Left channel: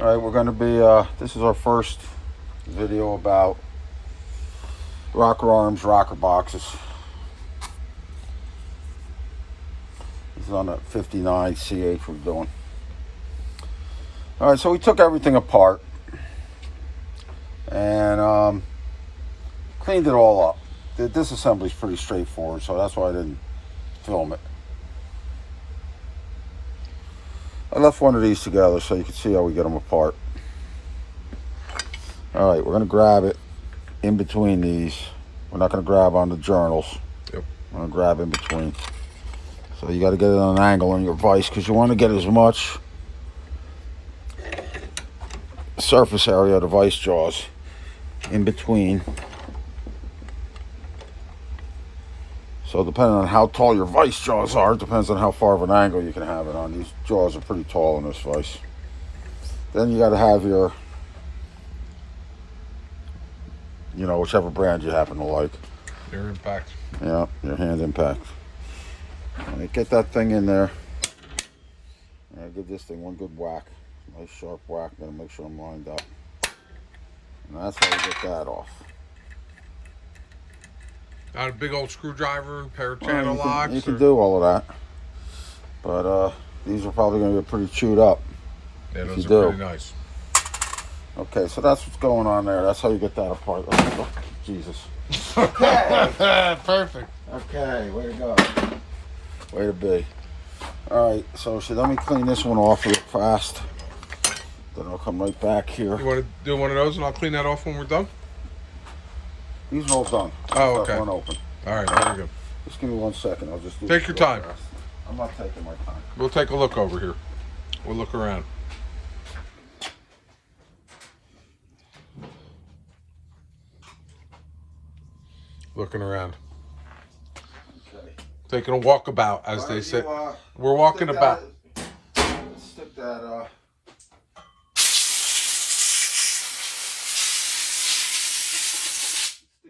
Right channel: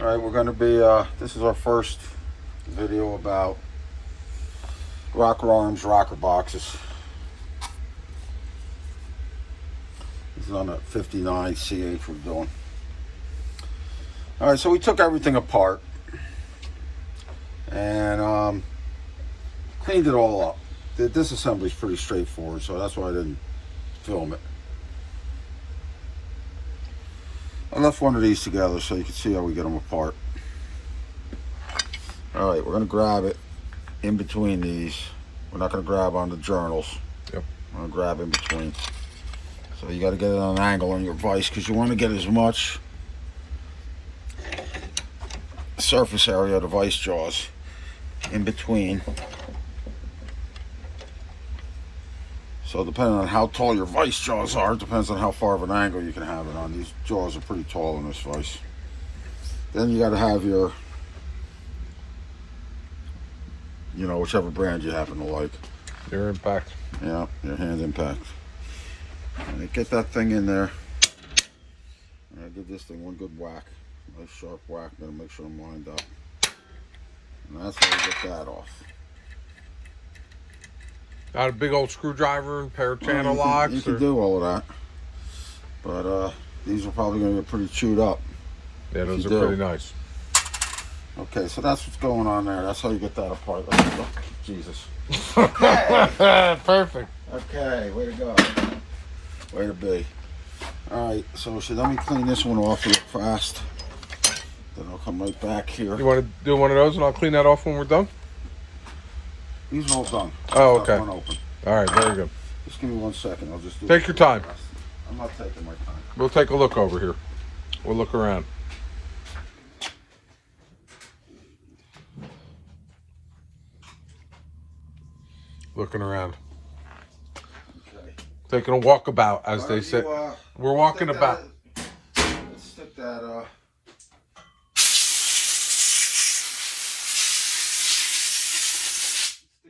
All right, we're going to be, this is our first video about rocker arms, rocker boxes. This is on that 59 C8 we're doing. All right, so we took everything apart and cleaned it all up. The disassembly is pretty straightforward, so that's why I didn't film it. I left one of these together so you can see how we get them apart. All right, we're going to grab it in between these. We're not going to grab on the journals. Yep. We're going to grab in between. So you got to get it on an angle in your vise because you want to get as much surface area of the vise jaws in between. So depending on how tall your vise jaws are, it depends on how far of an angle you can have it on. These jaws are pretty tall in this vise. Then you got to have your, whichever brand you happen to like. Your impact. Yeah, your hand impact. All right, get that thing in there. All right, give this thing one good whack. Nice sharp whack. Gotta make sure I'm lined up. And that's how you get that off. Not a big old screwdriver and pair of channel locks? You can do all of that. But these are probably going to get pretty chewed up. Yeah, those are pretty nice. Okay, so that's what's going on there. That's how you get that apart. Jesus. Okay. Perfect. Okay, way to go. Way to be. All right, so let me clean this one off real fast. Then I'll come right back here. You want to do one of those and I'll clean that off when we're done? These are all done. Oh, okay. One open. All right, very good. Just give me 1 second. I'll just do Take your time. fast. I'm not taking my time. We'll take a look over here. We'll look around. Looking around. Okay. Taking a walkabout, as they say. We're walking about. Let's stick that,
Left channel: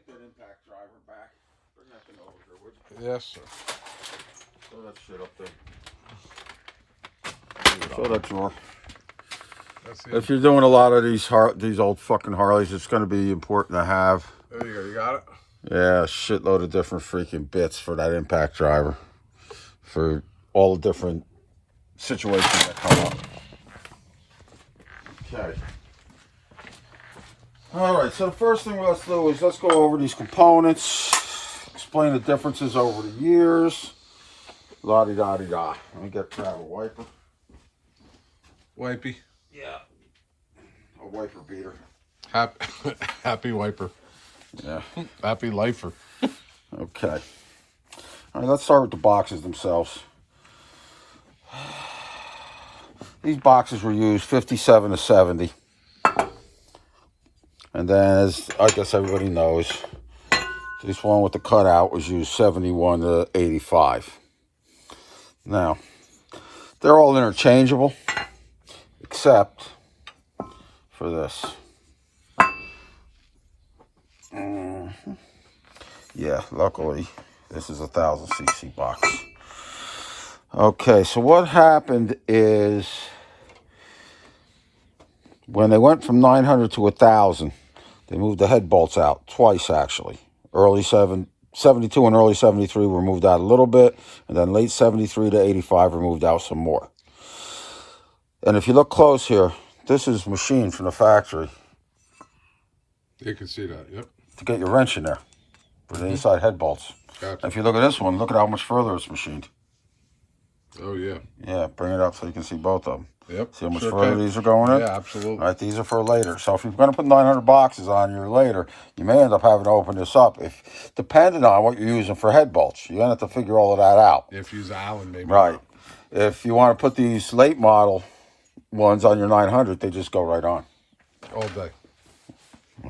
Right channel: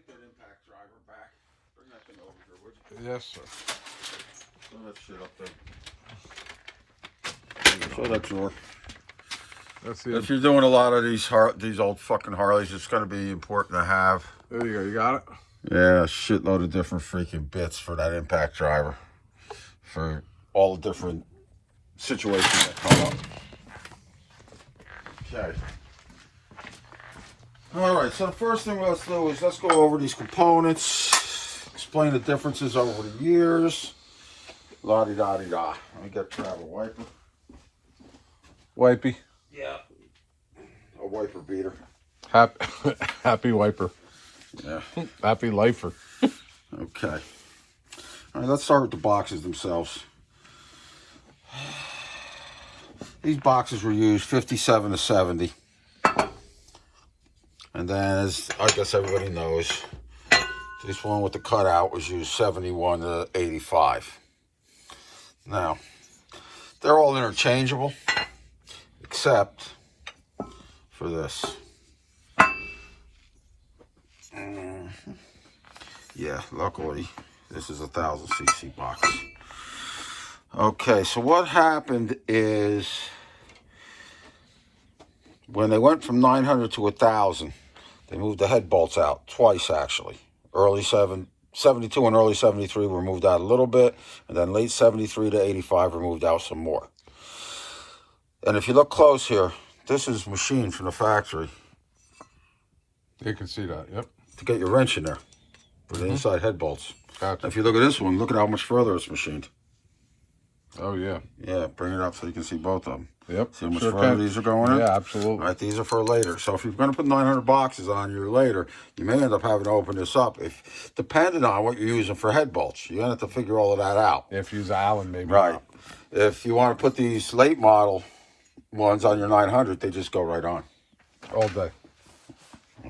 impact driver back. Bring that thing over here, would you? Yes, sir. Throw that shit up there. Throw that drawer. That's the. If you're doing a lot of these old fucking Harleys, it's going to be important to have. There you go. You got it. Yeah, a shitload of different freaking bits for that impact driver, for all the different situations that come up. Okay. All right, so the first thing let's do is let's go over these components, explain the differences over the years. La-di-da-di-da. Let me get grab a wiper. Wipey. Yeah. A wiper beater. Happy wiper. Yeah. Happy lifer. Okay. All right, let's start with the boxes themselves. These boxes were used 57 to 70. And then, as I guess everybody knows, this one with the cutout was used 71 to 85. Now, they're all interchangeable, except for this. Yeah, luckily, this is a 1000cc box. Okay, so what happened is when they went from 900 to 1000, they moved the head bolts out twice, actually. Early 72 and early 73 were moved out a little bit, and then late 73 to 85 were moved out some more. And if you look close here, this is machined from the factory. You can see that, yep. To get your wrench in there with the inside head bolts. Gotcha. If you look at this one, look at how much further it's machined. Oh, yeah. Yeah, bring it up so you can see both of them. Yep. See how much further these are going in? Yeah, absolutely. Right, these are for later. So if you're going to put 900 boxes on here later, you may end up having to open this up. If depending on what you're using for head bolts, you're going to have to figure all of that out. If you use Allen, maybe. Right. Not. If you want to put these late model ones on your 900, they just go right on. All day.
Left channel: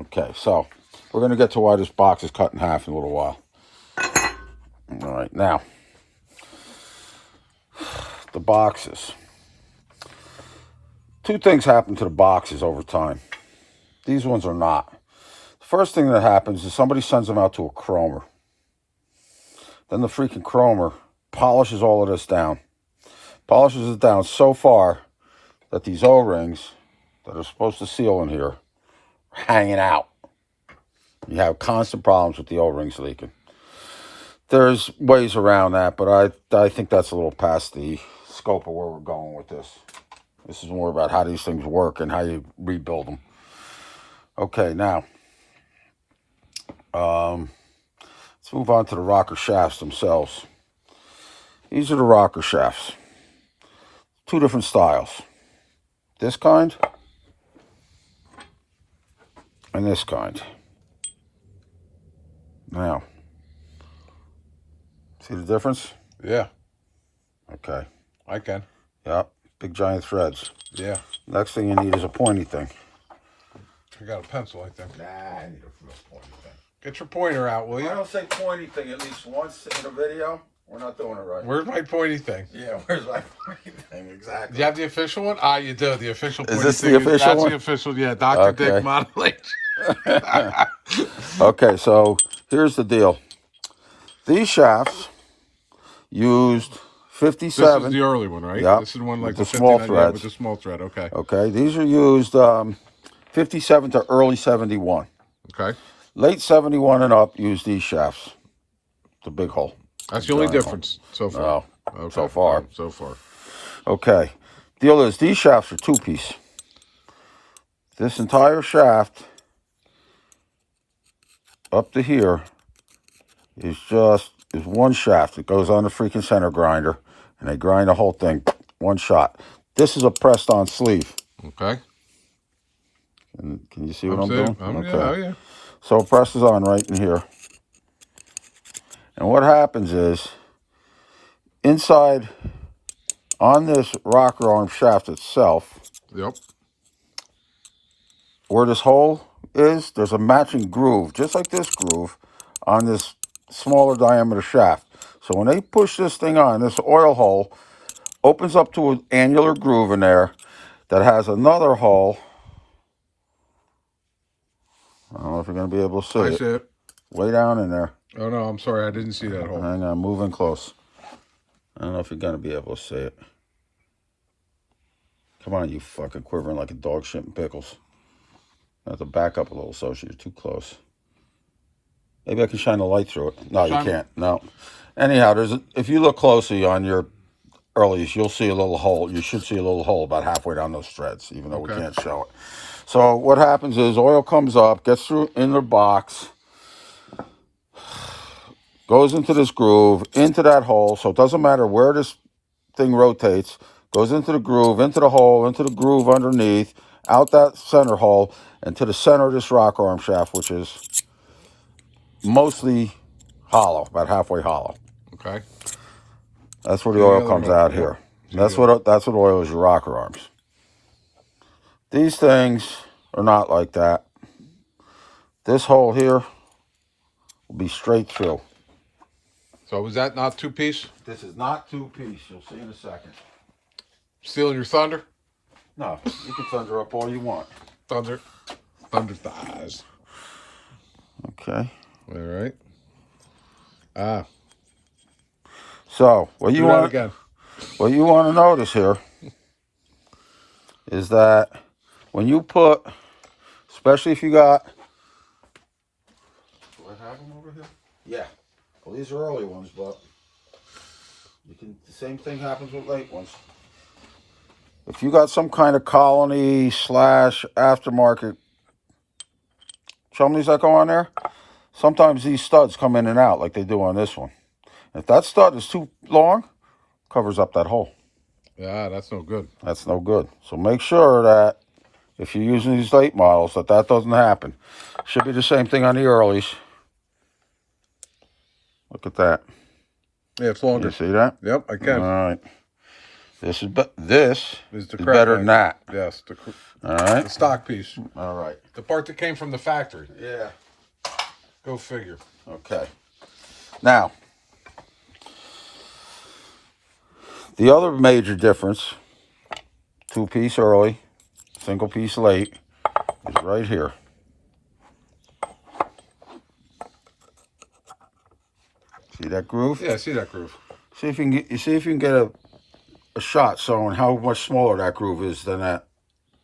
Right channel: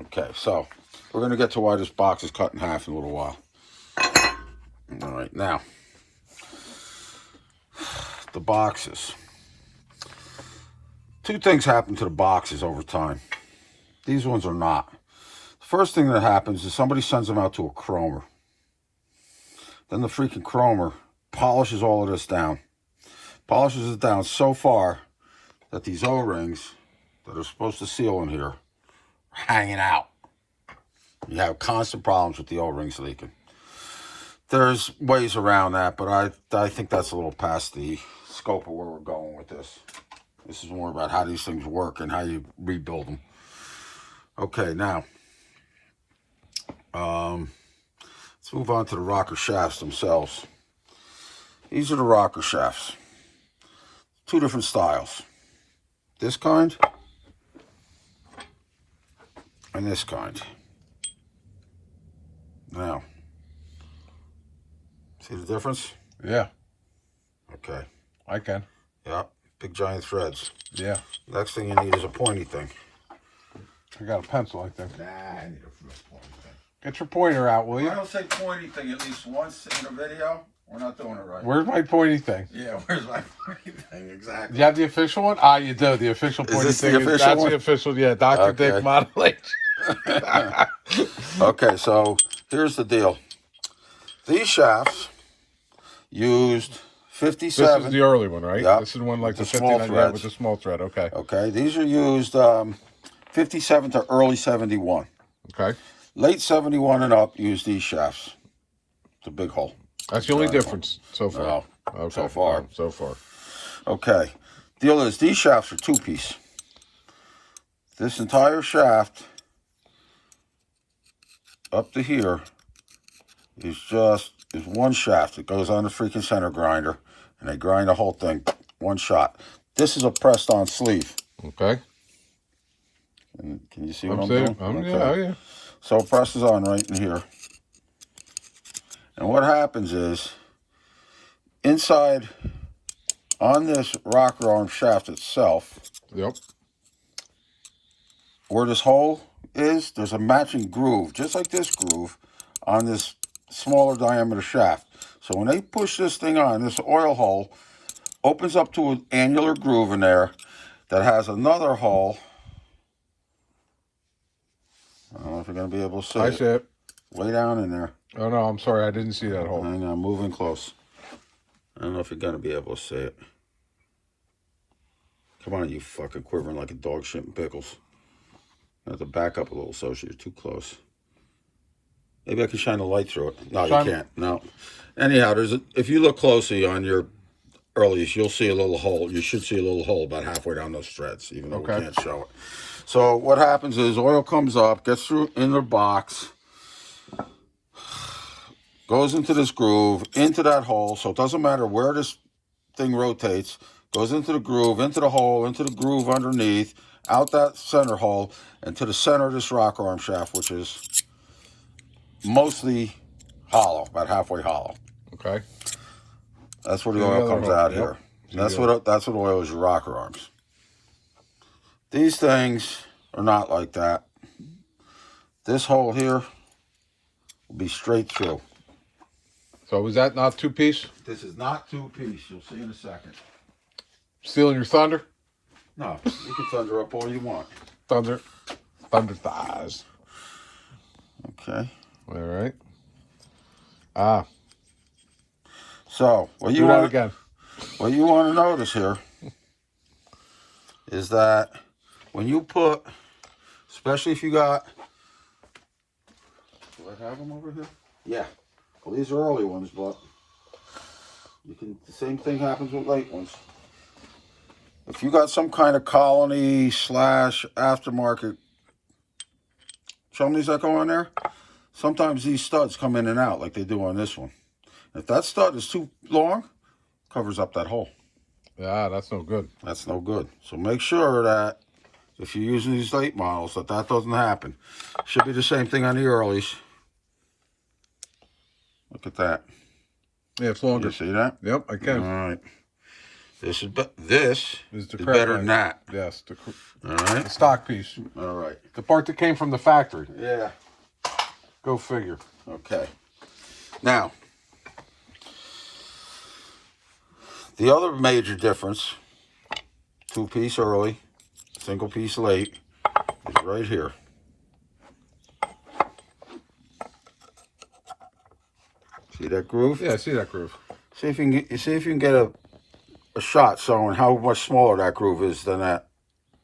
Okay, so we're going to get to why this box is cut in half in a little while. All right, now, the boxes. Two things happen to the boxes over time. These ones are not. The first thing that happens is somebody sends them out to a chromer. Then the freaking chromer polishes all of this down. Polishes it down so far that these O-rings that are supposed to seal in here are hanging out. You have constant problems with the O-rings leaking. There's ways around that, but I think that's a little past the scope of where we're going with this. This is more about how these things work and how you rebuild them. Okay, now, let's move on to the rocker shafts themselves. These are the rocker shafts. Two different styles. This kind and this kind. Now, see the difference? Yeah, Okay. I can. Yep. Big giant threads. Yeah. Next thing you need is a pointy thing. I got a pencil, I think. Nah, I need a pointy thing. Get your pointer out, will I you? don't say pointy thing at least once in a video. We're not doing it right. Where's my pointy thing? Yeah, where's my pointy thing? Exactly. Do you have the official one? Ah, you do. The official pointy this the thing. official That's one? the official, yeah. Dr. Okay. Dick Modeling. Okay, so here's the deal. These shafts used 57. This is the early one, right? Yep. This is one like the With the small 59, yeah, threads. with the small thread. Okay. Okay, these are used 57 to early 71. Okay. Late 71 and up use these shafts. The big hole. That's the only difference so far. No, Okay. so far. So far. Okay. Deal is these shafts are two-piece. This entire shaft up to here is one shaft. It goes on the freaking center grinder, and they grind the whole thing one shot. This is a pressed-on sleeve. Okay. And can you see what I'm saying. doing? Yeah, oh, yeah. So it presses on right in here. And what happens is, inside on this rocker arm shaft itself, Yep. where this hole is, there's a matching groove, just like this groove, on this smaller diameter shaft. So when they push this thing on, this oil hole opens up to an angular groove in there that has another hole. I don't know if you're going to be able to see I it. see it. Way down in there. Oh, no, I'm sorry. I didn't see that hole. Hang on, moving close. I don't know if you're going to be able to see it. Come on, you fucking quivering like a dog shitting pickles. I have to back up a little so you're too close. Maybe I can shine a light through it. No, you can't. No. Anyhow, if you look closely on your earlies, you'll see a little hole. You should see a little hole about halfway down those threads, even though we can't show it. So what happens is oil comes up, gets through in the box, goes into this groove, into that hole. So it doesn't matter where this thing rotates. Goes into the groove, into the hole, into the groove underneath, out that center hole, and to the center of this rocker arm shaft, which is mostly hollow, about halfway hollow. Okay. That's where the oil comes out yep. here. That's what oil is, your rocker arms. These things are not like that. This hole here will be straight through. So was that not two-piece? This is not two-piece. You'll see in a second. Stealing your thunder? No, you can thunder up all you want. Thunder thighs. Okay. All right. Ah. So what Do that again. What you want to notice here is that when you put, especially if you got, do I have them over here? Yeah. Well, these are early ones, but the same thing happens with late ones. If you got some kind of colony / aftermarket chumleys that go on there, sometimes these studs come in and out like they do on this one. If that stud is too long, covers up that hole. Yeah, that's no good. That's no good. So make sure that if you're using these late models, that doesn't happen. Should be the same thing on the earlies. Look at that. Yeah, it's longer. You see that? Yep, I can. All right. This is the better than that. Yes, All right. the stock piece. All right. The part that came from the factory. Yeah. Go figure. Okay. Now, the other major difference, two-piece early, single-piece late, is right here. See that groove? Yeah, I see that groove. See if you can get a shot showing how much smaller that groove is than that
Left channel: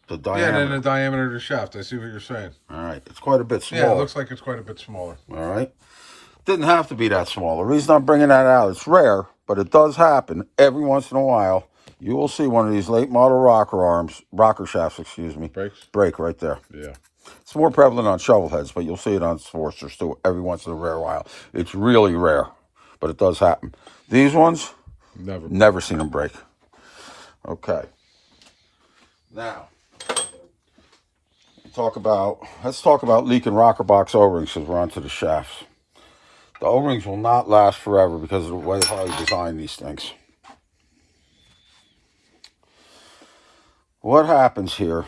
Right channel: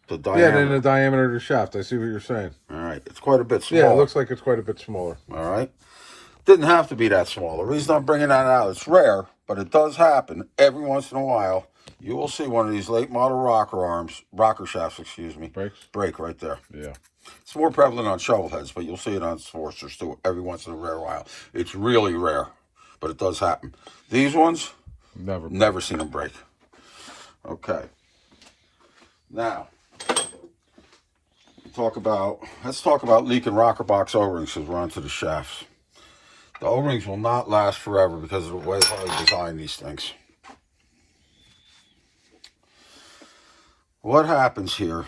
The Yeah, diameter. then the diameter of the shaft. I see what you're saying. All right, it's quite a bit smaller. Yeah, it looks like it's quite a bit smaller. All right, didn't have to be that small. The reason I'm bringing that out, it's rare, but it does happen every once in a while. You will see one of these late model rocker shafts, excuse me, break right there. Yeah. It's more prevalent on shovel heads, but you'll see it on Sportsters too every once in a rare while. It's really rare, but it does happen. These ones, never seen them break. Okay. Now, let's talk about leaking rocker box O-rings because we're onto the shafts. The O-rings will not last forever because of the way I design these things. What happens here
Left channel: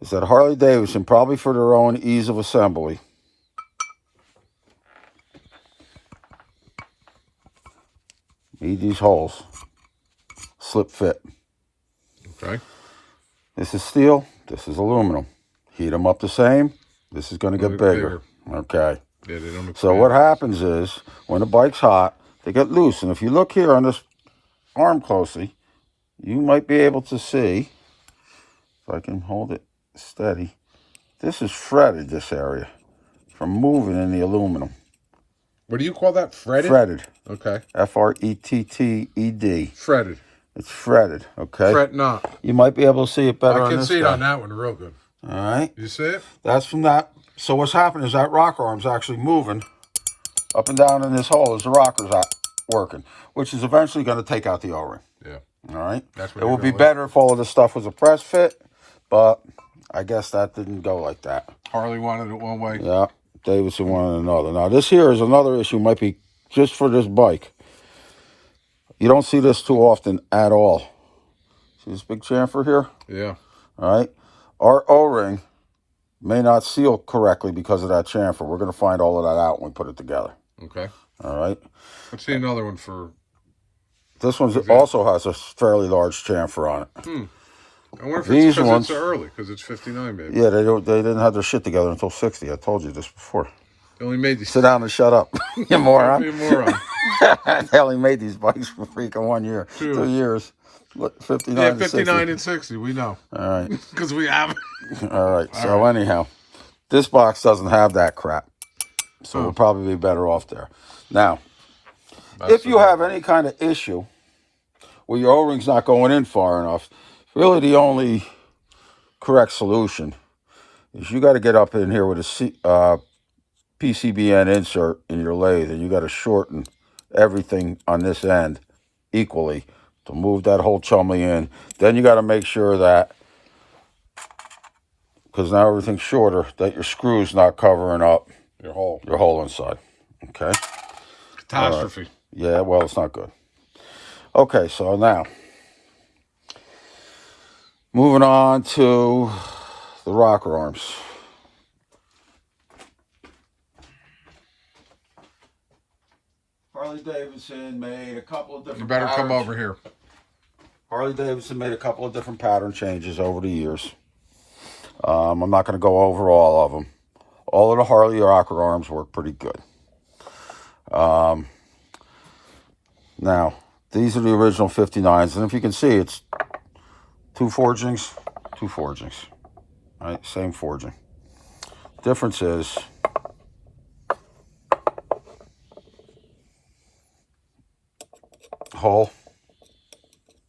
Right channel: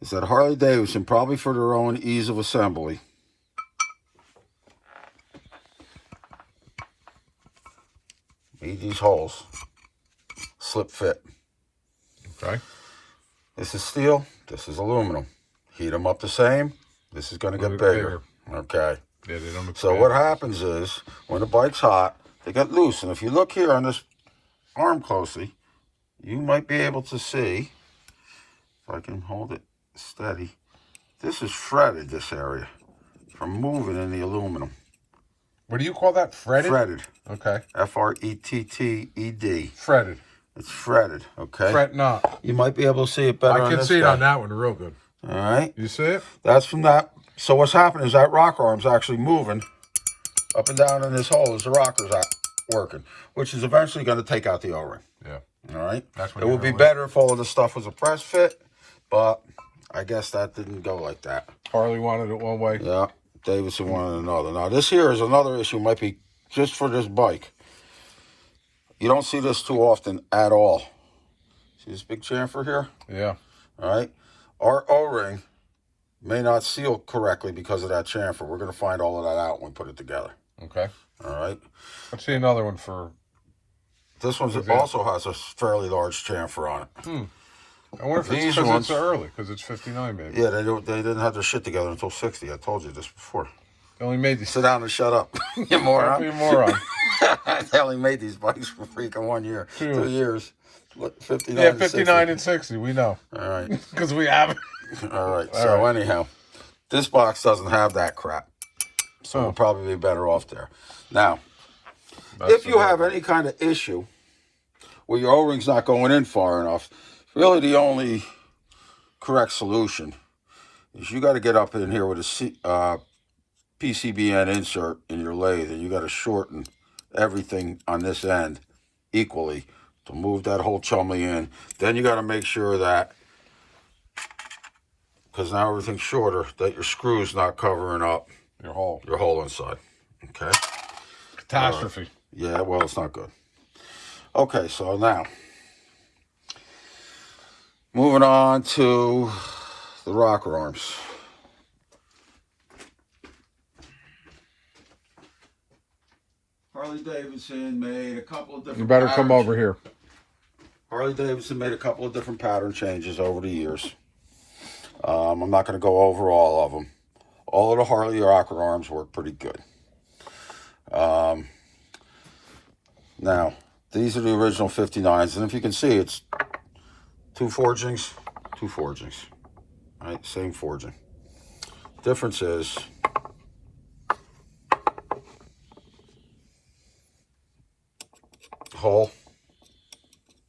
is that Harley Davidson, probably for their own ease of assembly, made these holes slip fit. Okay. This is steel, this is aluminum. Heat them up the same, this is going to get bigger. Okay. Yeah, they don't expand. So what happens is, when the bike's hot, they get loose. And if you look here on this arm closely, you might be able to see, if I can hold it steady, this is fretted, this area, from moving in the aluminum. What do you call that? Fretted? Fretted. Okay. F-R-E-T-T-E-D. Fretted. It's fretted, okay? Fret not. You might be able to see it better I can see it on that one real good. All right. You see it? That's from that. So what's happening is that rocker arm's actually moving up and down in this hole as the rocker's working, which is eventually going to take out the O-ring. Yeah. All right. That's what it would be better if all of this stuff was a press fit, but I guess that didn't go like that. Harley wanted it one way. Yeah. Davidson wanted another. Now this here is another issue. Might be just for this bike. You don't see this too often at all. See this big chamfer here? Yeah. All right. Our O-ring may not seal correctly because of that chamfer. We're going to find all of that out when we put it together. Okay. All right. Let's see another one for... This one also has a fairly large chamfer on it. I wonder if it's because it's early, because it's 59, maybe. Yeah, they didn't have their shit together until 60. I told you this before. They only made these... Sit down and shut up, you moron. You moron. They only made these bikes for freaking 1 year. 2 years. What, 59 yeah, 59 and 60, we know. All right. Because we have it. All right. So anyhow, this box doesn't have that crap. So we'll probably be better off there. Now, if you have any kind of issue where your O-ring's not going in far enough, really the only correct solution is you got to get up in here with a PCBN insert in your lathe, and you got to shorten everything on this end equally to move that whole chumley in. Then you got to make sure that, because now everything's shorter, that your screw's not covering up your hole inside. Okay. Catastrophe. Yeah, well, it's not good. Okay, so now moving on to the rocker arms. Harley Davidson made a couple of different... You better come over here. Harley Davidson made a couple of different pattern changes over the years. I'm not going to go over all of them. All of the Harley rocker arms work pretty good. Now, these are the original 59s, and if you can see, it's two forgings. Right, same forging. Difference is hole.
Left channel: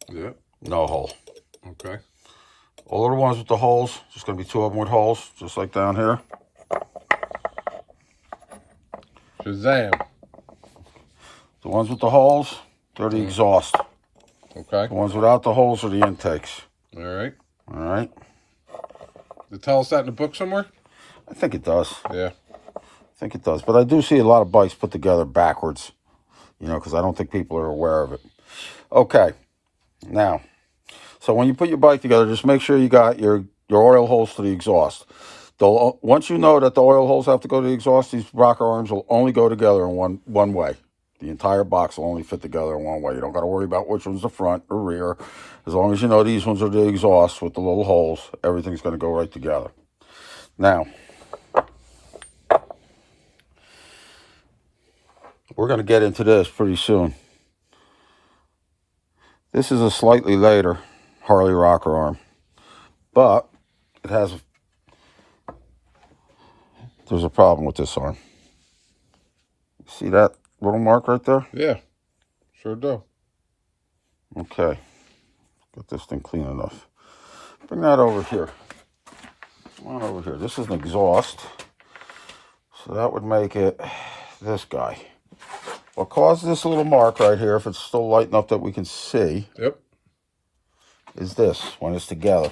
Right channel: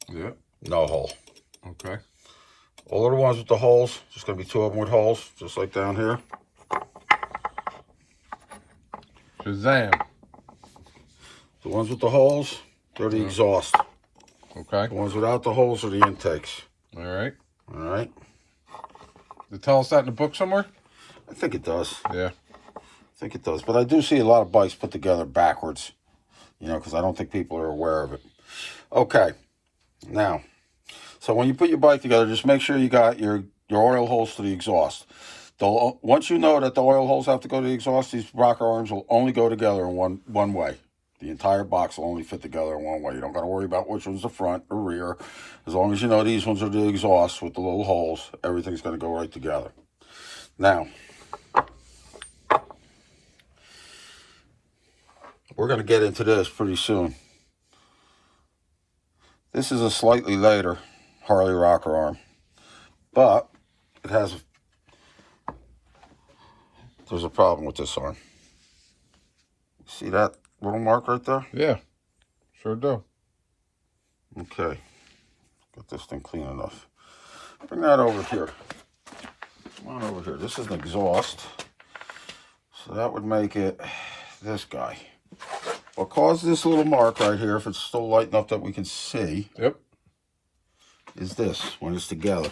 Yeah. No hole. Okay. All of the ones with the holes, there's going to be 2 of them with holes, just like down here. Shazam. The ones with the holes, they're the exhaust. Okay. The ones without the holes are the intakes. All right. All right. They tell us that in the book somewhere? I think it does. Yeah. I think it does. But I do see a lot of bikes put together backwards, you know, because I don't think people are aware of it. Okay. Now, so when you put your bike together, just make sure you got your oil holes to the exhaust. Once you know that the oil holes have to go to the exhaust, these rocker arms will only go together in one way. The entire box will only fit together in one way. You don't got to worry about which one's the front or rear. As long as you know these ones are the exhaust with the little holes, everything's going to go right together. Now, we're going to get into this pretty soon. This is a slightly later Harley rocker arm. but it has. There's a problem with this arm. See that little mark right there? Yeah, sure do. Okay. Get this thing clean enough. Bring that over here. Come on over here. This is an exhaust. So that would make it this guy. What causes this little mark right here, if it's still light enough that we can see, Yep. is this, when it's together.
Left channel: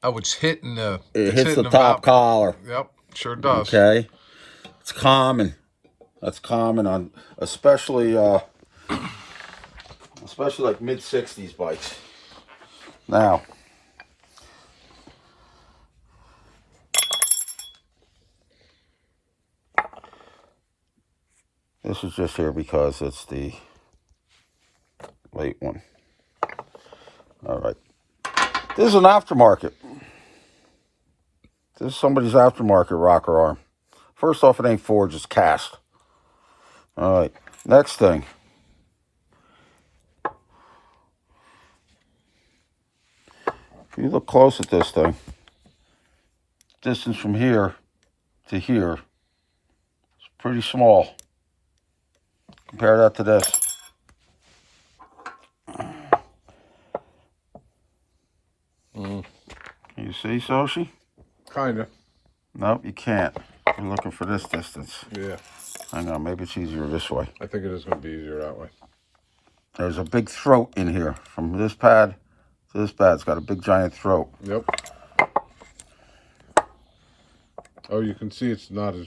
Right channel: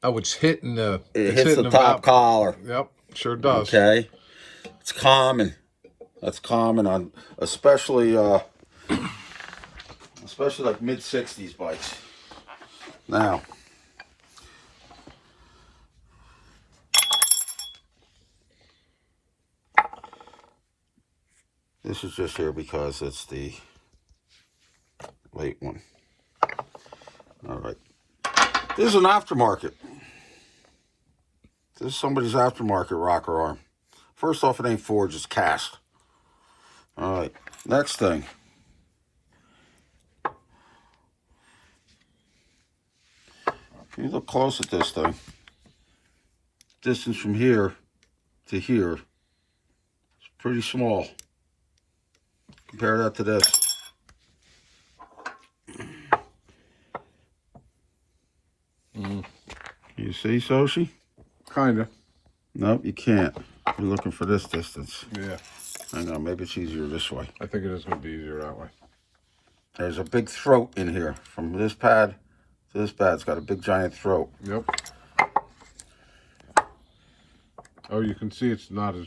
Oh, it's hitting the... It it's hits hitting the top collar. Yep, sure does. Okay. It's common. That's common on, especially like mid-60s bikes. Now, this is just here because it's the late one. All right. This is an aftermarket. This is somebody's aftermarket rocker arm. First off, it ain't forged, it's cast. All right. Next thing. If you look close at this thing, distance from here to here is pretty small. Compare that to this. You see, Soshi? Kind of. Nope, you can't. You're looking for this distance. Yeah. Hang on, maybe it's easier this way. I think it is going to be easier that way. There's a big throat in here. From this pad to this pad, it's got a big giant throat. Yep. Oh, you can see it's not as...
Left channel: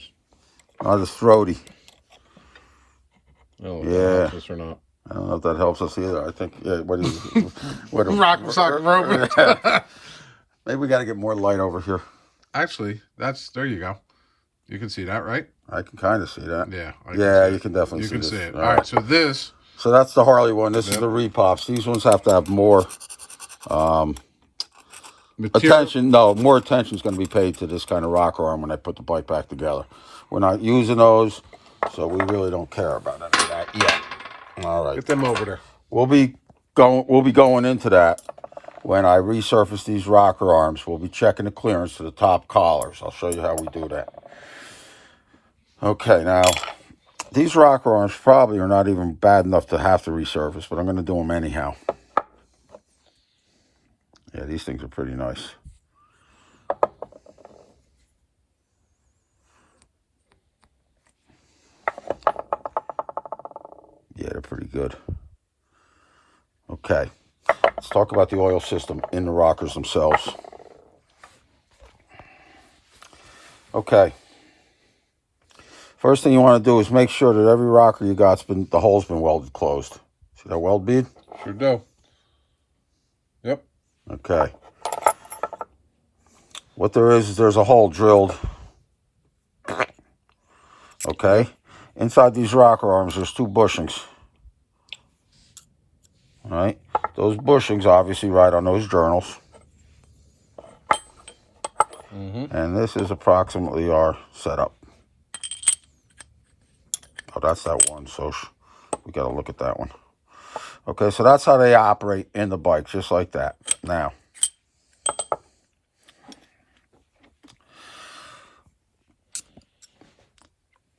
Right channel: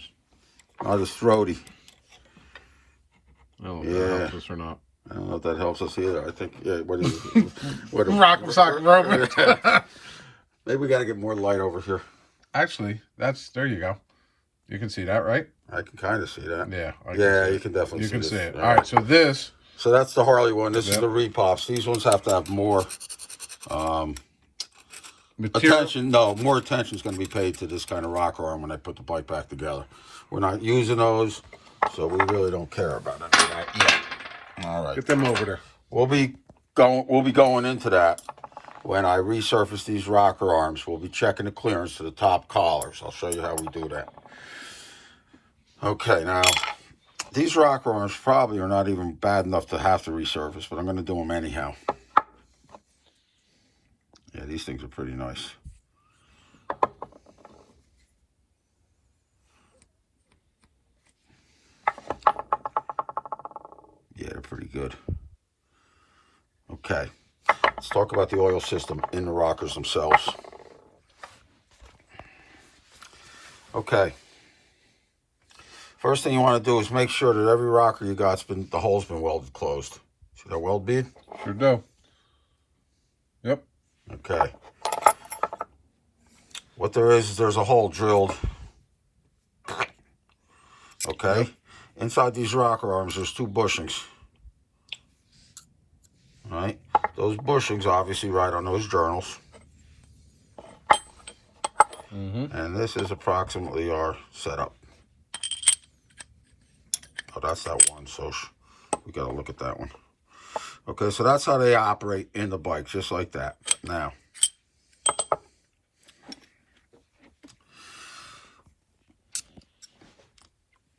Not as throaty. I don't know if that helps us or not. I don't know if that helps us either. I think, yeah, what is what Rock'em sock'em rope. Maybe we got to get more light over here. Actually, there you go. You can see that, right? I can kind of see that. Yeah. Yeah, you can definitely see it. You can see it. All right, so this... So that's the Harley one. This is the repops. These ones have to have more attention. No, more attention is going to be paid to this kind of rocker arm when I put the bike back together. We're not using those, so we really don't care about any of that yet. All right. Get them over there. We'll be going into that when I resurface these rocker arms. We'll be checking the clearance to the top collars. I'll show you how we do that. Okay, now these rocker arms probably are not even bad enough to have to resurface, but I'm going to do them anyhow. Yeah, these things are pretty nice. Yeah, they're pretty good. Okay, let's talk about the oil system in the rockers themselves. Okay. First thing you want to do is make sure that every rocker you got's the hole's been welded closed. See that weld bead? Sure do. Yep. Okay. What there is there's a hole drilled. Okay. Yep. Inside these rocker arms, there's 2 bushings. All right. Those bushings obviously ride on those journals. And this is approximately our setup. Oh, that's that one, so we got to look at that one. Okay, so that's how they operate in the bike, just like that. Now,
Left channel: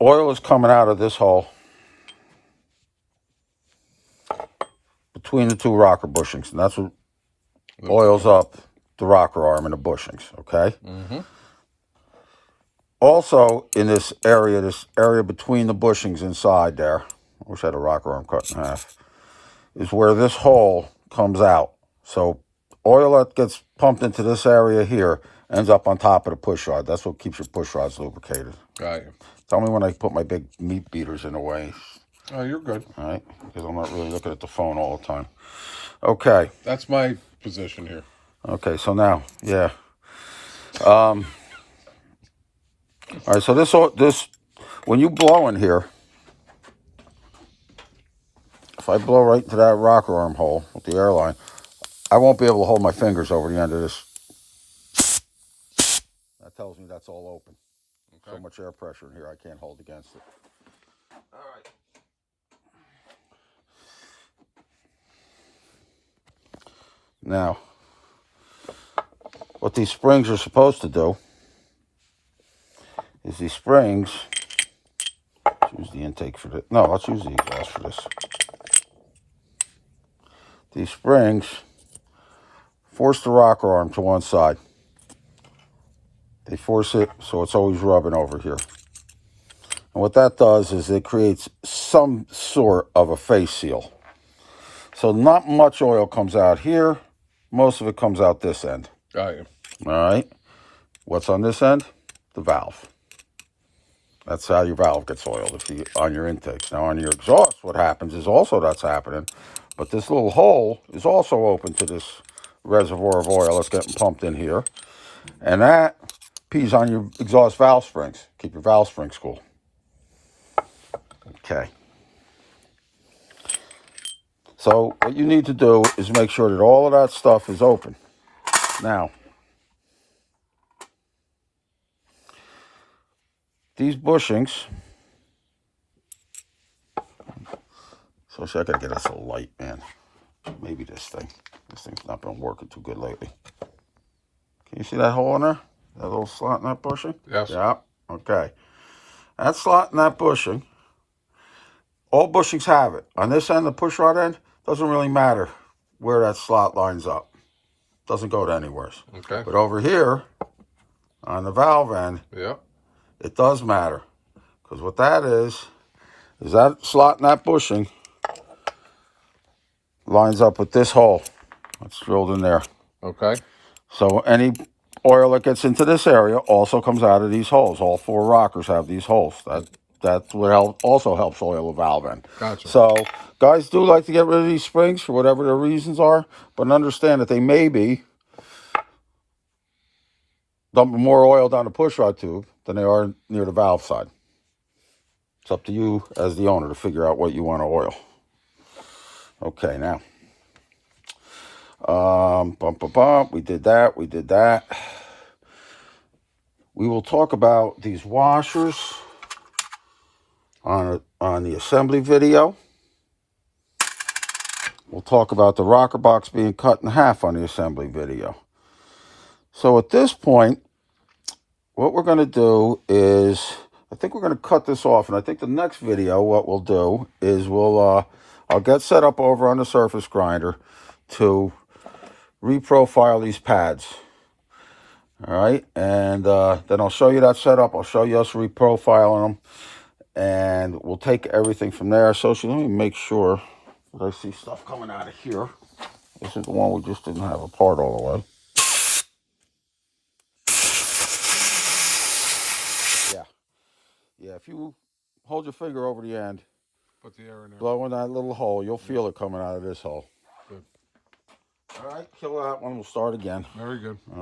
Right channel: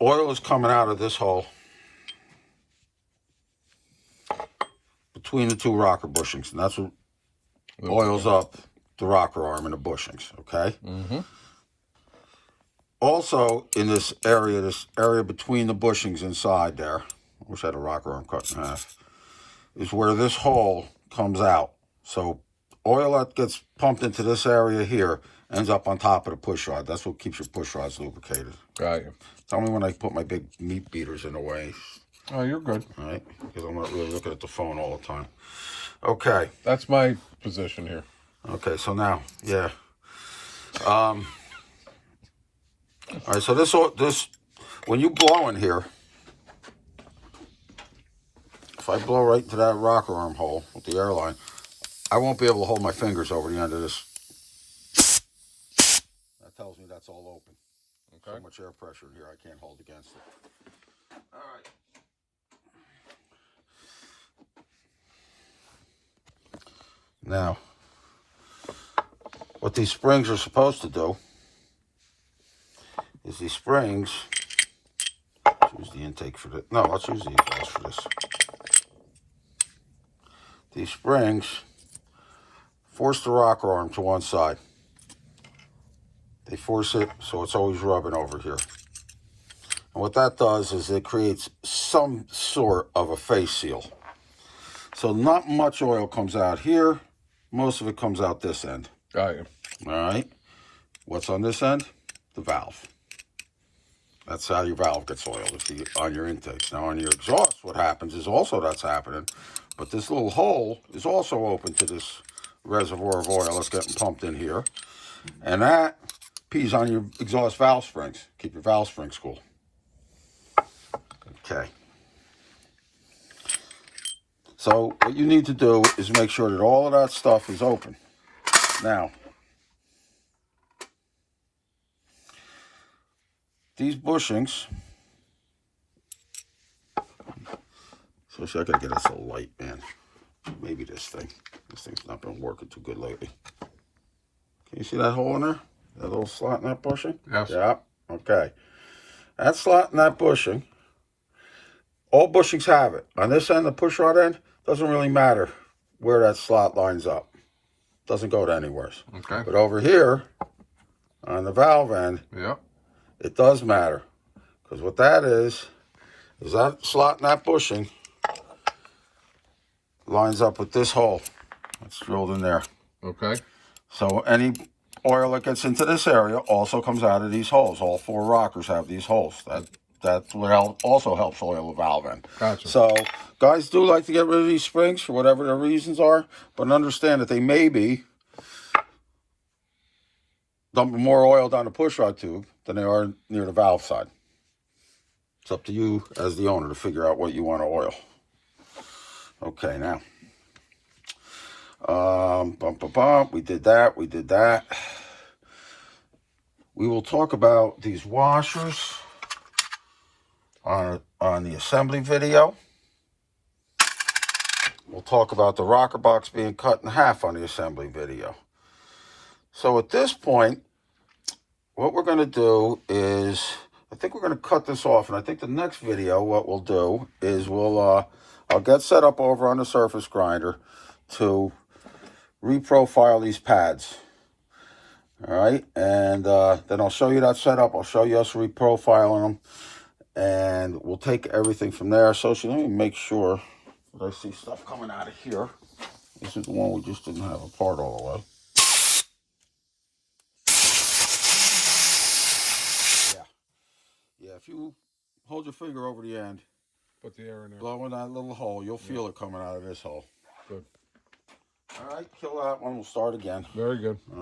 oil is coming out of this hole between the 2 rocker bushings, and that's what oils up the rocker arm and the bushings, okay? Also, in this area between the bushings inside there, I wish I had a rocker arm cut in half, is where this hole comes out. So oil that gets pumped into this area here ends up on top of the push rod. That's what keeps your push rods lubricated. Got you. Tell me when I put my big meat beaters in the way. Oh, you're good. All right? Because I'm not really looking at the phone all the time. Okay. That's my position here. Okay, so now, yeah. All right, so this, when you blow in here, if I blow right into that rocker arm hole with the airline, I won't be able to hold my fingers over the end of this. That tells me that's all open. Okay. So much air pressure in here, I can't hold against it. All right. Now, what these springs are supposed to do is these springs, let's use the intake for this. No, let's use the exhaust for this. These springs force the rocker arm to one side. They force it so it's always rubbing over here. And what that does is it creates some sort of a face seal. So not much oil comes out here. Most of it comes out this end. Got you. All right. What's on this end? The valve. That's how your valve gets oiled on your intakes. Now on your exhaust, what happens is also that's happening. But this little hole is also open to this reservoir of oil that's getting pumped in here. And that pees on your exhaust valve springs. Keep your valve springs cool. Okay. So what you need to do is make sure that all of that stuff is open. Now, these bushings, so I gotta get us a light, man. Maybe this thing's not been working too good lately. Can you see that hole in there? That little slot in that bushing? Yes. Yeah, okay. That slot in that bushing, all bushings have it. On this end, the push rod end, doesn't really matter where that slot lines up. Doesn't go to anywhere. Okay. But over here, on the valve end, Yep. it does matter. Because what that is that slot in that bushing lines up with this hole that's drilled in there. Okay. So any oil that gets into this area also comes out of these holes. All 4 rockers have these holes. That's what also helps oil the valve end. Gotcha. So guys do like to get rid of these springs for whatever their reasons are, but understand that they may be dumping more oil down the push rod tube than they are near the valve side. It's up to you as the owner to figure out what you want to oil. Okay, now. We did that. We will talk about these washers on the assembly video. We'll talk about the rocker box being cut in half on the assembly video. So at this point, what we're going to do is, I think we're going to cut this off, and I think the next video, what we'll do is I'll get set up over on the surface grinder to reprofile these pads. All right, and then I'll show you that setup. I'll show you us reprofiling them, and we'll take everything from there. So let me make sure that I see stuff coming out of here. This is the one we just didn't have apart all the way. Yeah, if you hold your finger over the end, put the air in there, blow in that little hole, you'll feel it coming out of this hole. Good. All right, kill that one. We'll start again. Very good.